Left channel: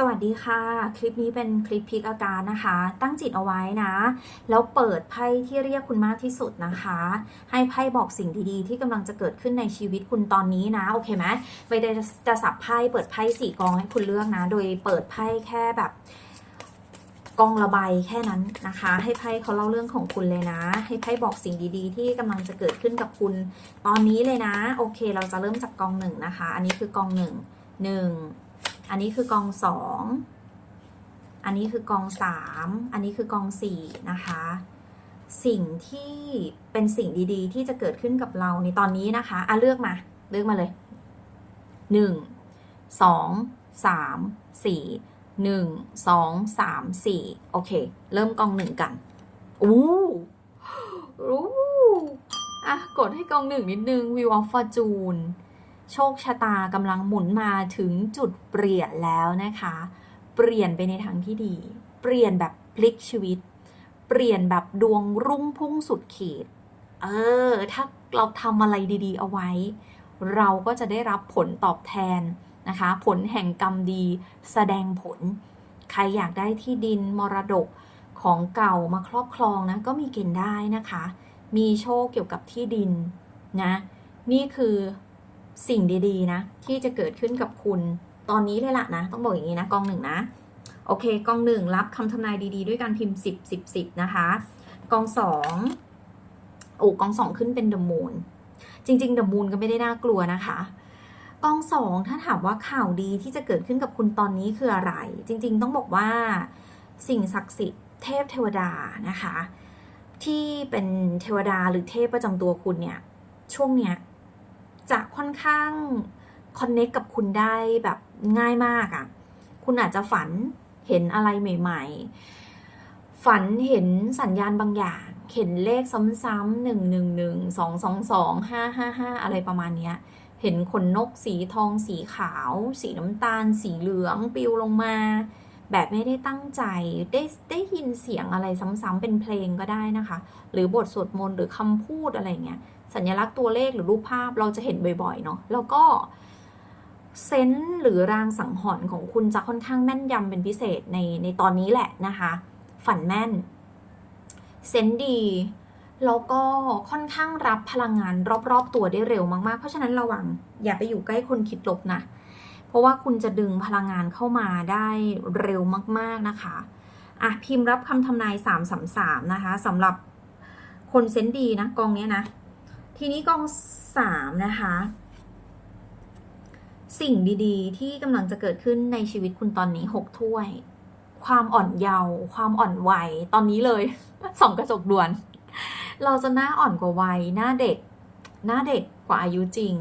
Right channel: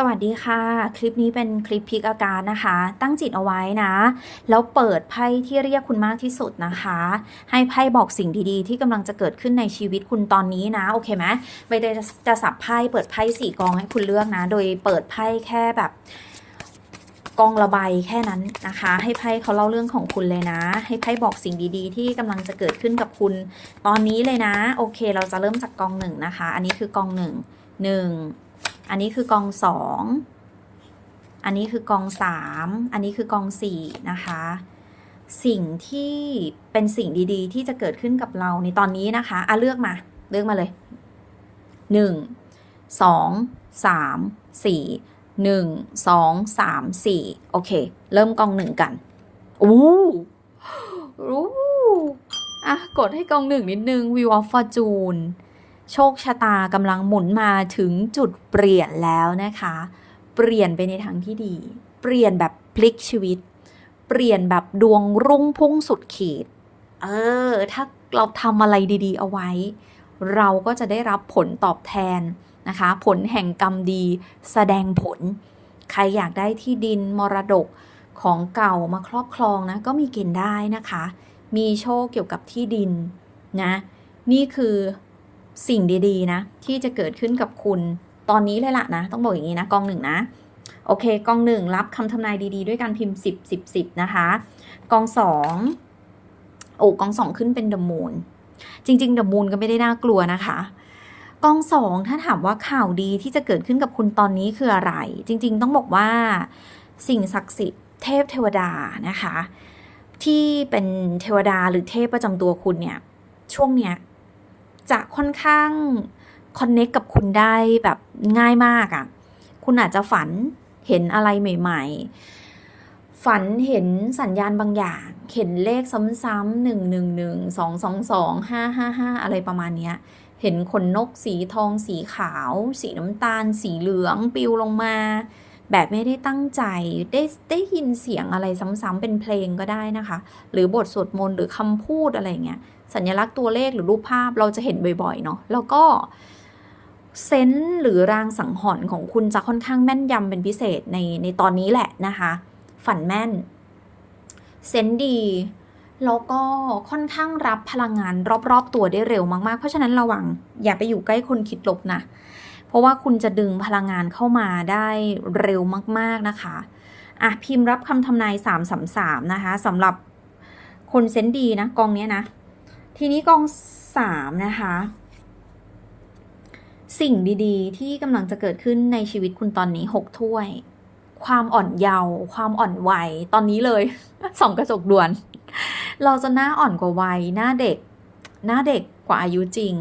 สวัสดีค่ะ คลิปนี้เป็นคลิปพิกอาการนะคะ ตั้งจิตเอาไว้นะ แล้วเปิดไพ่ที่เรียกคุณมากที่สุดนะคะ ให้ไพ่บอกสิ่งดีๆ ที่กำลังจะเกิดขึ้นในชีวิตคุณตอนนี้นะ โอเคไหมใบเตยจะจะสับไพ่เปิดไพ่สี่กองให้คุณเลือกนะ โดยเปิดไพ่แค่แบบกองระบายแค่นั้นนะคะ ให้ไพ่เขาเล่าเรื่องของคุณเลยนะ ให้ไพ่บอกสิ่งดีๆ ที่กำลังจะเกิดขึ้นกับคุณตอนนี้เลยนะ โอเค เราจะเริ่มจากกองหนึ่งนะคะ อันนี้คือกองหนึ่งหนึ่ง อันนี้คือกองสอง อันนี้คือกองสาม อันนี้คือกองสี่นะคะ สิ่งที่เป็นสิ่งดีๆ ที่จะเกิดขึ้นกับเราในตอนนี้นะคะอะเลือกมา เลือกมาเลยหนึ่งสองสามสี่หนึ่งสองสามสี่โอเค เริ่มกองหนึ่งกันอู้อู้อะ กดให้กองหนึ่งนิดนึง View of Fortune โชคชะตากำลังหมุนมาถึงจุดเปลี่ยนแล้วนะคะ เปลี่ยนไปในทางที่ดี เปลี่ยนแบบพลิกชีวิต เปลี่ยนแบบดวงรุ่งพุ่งสุดขีด เออ ถ้าเราทำอะไรดีๆ เอาไว้ เราก็จะได้รับผลตอบแทนนะคะ ผลแห่งกรรมดีแสดงผล ใครอยากได้ที่ดินมรดกของเก่ามาครอบครองนะ ก็มีเกณฑ์ได้นะคะ มีโชคเกี่ยวกับที่ดินนะ นี่คือ สิ่งดีๆ นะ ที่จะเกิดขึ้นกับคุณตอนนี้เลยล่ะนะ ต้องบอกอย่างนี้นะกองหนึ่งนะ โอเคกองหนึ่งรับคำทำนายดีๆ ด้วยการพิมพ์ 10 10 10 นะคะ กองสองโอ้กองสองขึ้นเป็นเดมูนจริงๆเดมูนก็ไม่ได้น่ากลัวนะคะกองสองถ้าถามว่าข่าวดีที่จะเกิดขึ้นกับคุณตอนนี้คืออะไร จริง ๆ ต้องบอกว่าสิ่งศักดิ์สิทธิ์เทพเทวดานะคะ ที่เป็นเทวดาหรือเทพประจำตัวคุณเนี่ยช่วงเนี้ย จะค่อนข้างคอนเน็กกับคุณได้แบบง่ายมากอะ่ะ คุณอาจจะฝันเห็นอะไรใหม่ ๆ ฝันเห็นสัญญาณบางอย่าง เห็นเลขซ้ำๆหนึ่งหนึ่งหนึ่งสองสองสองห้าห้าห้าอะไรประมาณเนี้ย เห็นขนนกสีทองสีขาว สีน้ำตาล สีเหลืองปลิวลงมา แบบไม่ได้ตั้งใจได้ได้ยินเสียงอะไรซ้ำๆเป็นเพลงก็ได้นะคะ หรือบทสวดมนต์หรือคำพูดอะไรเงี้ยสัญลักษณ์ตัวเลขหรือรูปภาพเราจะเห็นบ่อยๆเนาะแล้วก็เซนส์หรือรางสังหรณ์ของคุณจะค่อนข้างแม่นยำเป็นพิเศษในในตอนนี้แหละนะคะ ฝันแม่นเซนส์ดีแล้วก็ค่อนข้างรับพลังงานรอบๆตัวได้เร็วมากๆ เพราะฉะนั้นระวังอย่าไปอยู่ใกล้คนคิดลบนะ เพราะว่าคุณจะดึงพลังงานเข้ามาได้เร็วมาก ๆ นะคะอะพิมพ์รับคำทำนาย3 3 3นะคะสำหรับคนเซนดีนะกองเนี้ยนะ ทีนี้กองสามนะคะ สิ่งดีๆ ที่กำลังจะเกิดขึ้นในชีวิตคุณตอนนี้หกถ้วย ความอ่อนเยาว์ความอ่อนวัยตอนนี้เลยส่องกระจกด่วน เราจะหน้าอ่อนกว่าวัยหน้าเด็ก หน้าเด็กกว่าอายุจริง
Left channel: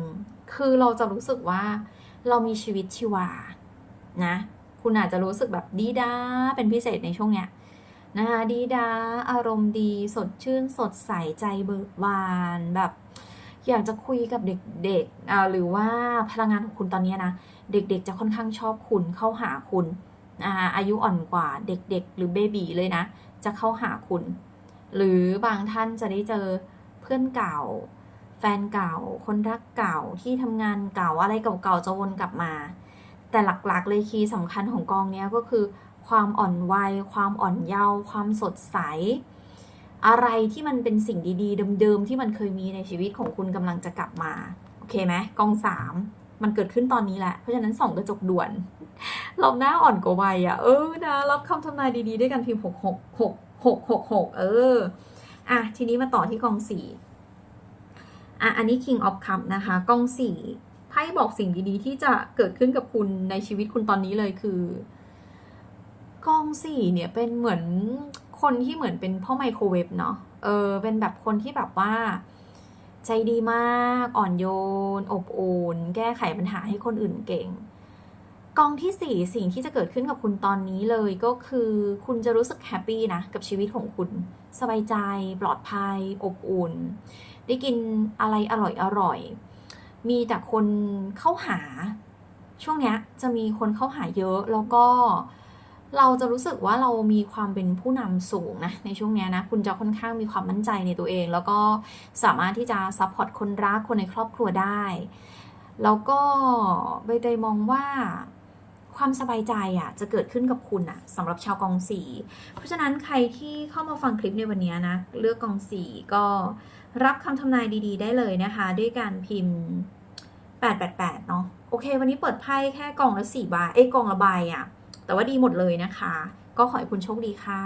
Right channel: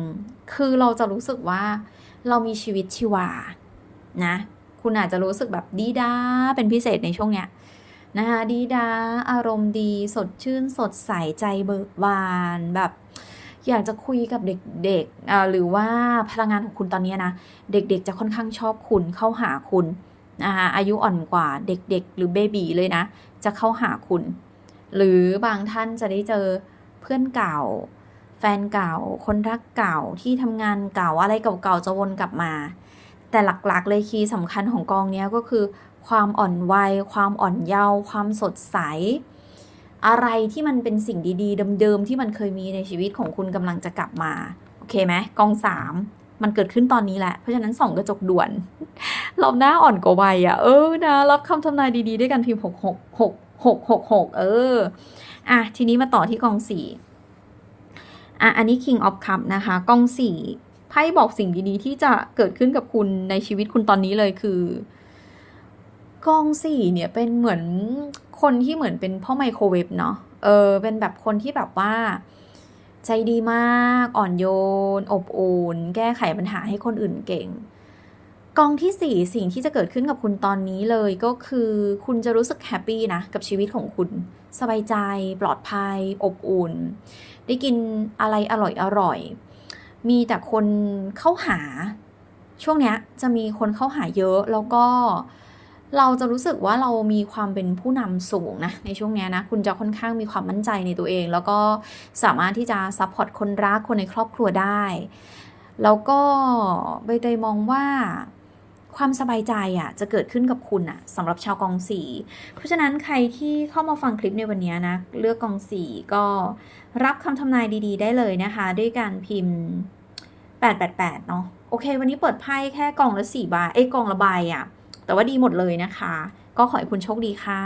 คือเราจะรู้สึกว่า เรามีชีวิตชีวานะ คุณอาจจะรู้สึกแบบดีด้าเป็นพิเศษในช่วงเนี้ยนะคะดีดาอารมณ์ดีสดชื่นสดใสใจเบิกบานแบบอยากจะคุยกับเด็กๆอ่าหรือว่าพลังงานของคุณตอนนี้นะ เด็กๆจะค่อนข้างชอบคุณเข้าหาคุณนะคะอายุอ่อนกว่าเด็กๆ หรือเบบีเลยนะ จะเข้าหาคุณ หรือบางท่านจะได้เจอเพื่อนเก่า แฟนเก่า คนรักเก่าที่ทำงานเก่าอะไรเก่าๆจะวนกลับมา แต่หลักๆ เลยคีย์สำคัญของกองนี้ก็คือ ความอ่อนวัย ความอ่อนเยาว์ความสดใส อะไรที่มันเป็นสิ่งดีๆเดิมๆที่มันเคยมีในชีวิตของคุณกำลังจะกลับมาโอเคไหมกองสามมันเกิดขึ้นตอนนี้แหละ เพราะฉะนั้นส่องกระจกด่วนเราหน้าอ่อนกว่าวัยอะ เออนะ รับคำทำนายดีๆ ด้วยกันพิมพ์หกหกหกหกหกหกเออ อะ ทีนี้มาต่อที่กองสี่ อะอันนี้ King of Cup นะคะกองสี่ไพ่บอกสิ่งดีๆ ที่จะเกิดขึ้นกับคุณในชีวิตคุณตอนนี้เลยคือกองสี่เนี่ยเป็นเหมือนคนที่เหมือนเป็นพ่อไมโครเวฟเนาะเออเป็นแบบคนที่แบบว่า ใจดีมากอ่อนโยน อบอุ่นแก้ไขปัญหาให้คนอื่นเก่ง กองที่สี่สิ่งที่จะเกิดขึ้นกับคุณตอนนี้เลยก็คือคุณจะรู้สึกแฮปปี้นะ กับชีวิตของคุณ สบายใจ ปลอดภัย อบอุ่น ได้กินอะไรอร่อยอร่อย มีแต่คนเข้าหา ช่วงเนี้ยจะมีคนเข้าหาเยอะแล้วก็เราจะรู้สึกว่าเรามีความเป็นผู้นำสูงนะในช่วงเนี้ยนะ คุณจะค่อนข้างมีความมั่นใจในตัวเอง แล้วก็สามารถที่จะซัพพอร์ตคนรักคนในครอบครัวได้ แล้วก็ใบเตยมองว่า ความสบายใจอะจะเกิดขึ้นกับคุณอะสำหรับชาวกองสี เพราะฉะนั้นใครที่เข้ามาฟังคลิปในวันนี้นะ เลือกกองสีก็รับคำทำนายดี ๆ ได้เลยนะคะ ด้วยการพิมพ์ 888 เนาะโอเค วันนี้เปิดไพ่แค่กองละสี่ใบเอ้กองละใบอะแต่ว่าดีหมดเลยนะคะ ก็ขอให้คุณโชคดีค่ะ